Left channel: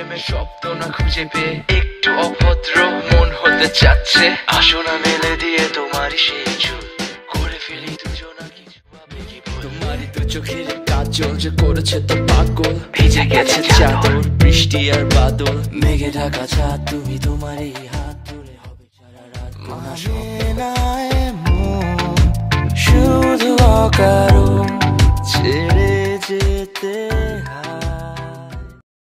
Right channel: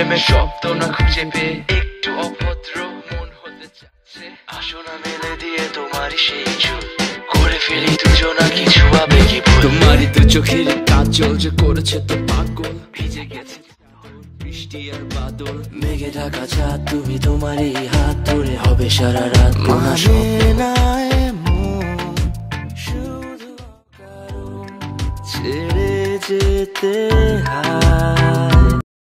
প্রেমের শব্দ না খুঁজে পেয়ে একটু অভদ্র মন হতে চাচ্ছে। আসো না মেলে দিয়ে তোমারই সেই চুল, করে ফেলি দুজনা কিছু আবেগী ভুল। তোমারই দু চোখের কাজল যে করেছে তো পাগল, ভিজে গেছে চাদর বৃষ্টি আর বাদল, মেঘে ঢাকা চাঁদ তুমি তোমারই হাত ধরে হবে সারা রাত। মানে না এমন শুধু অকারণ ছেড়ে যেতে হয়।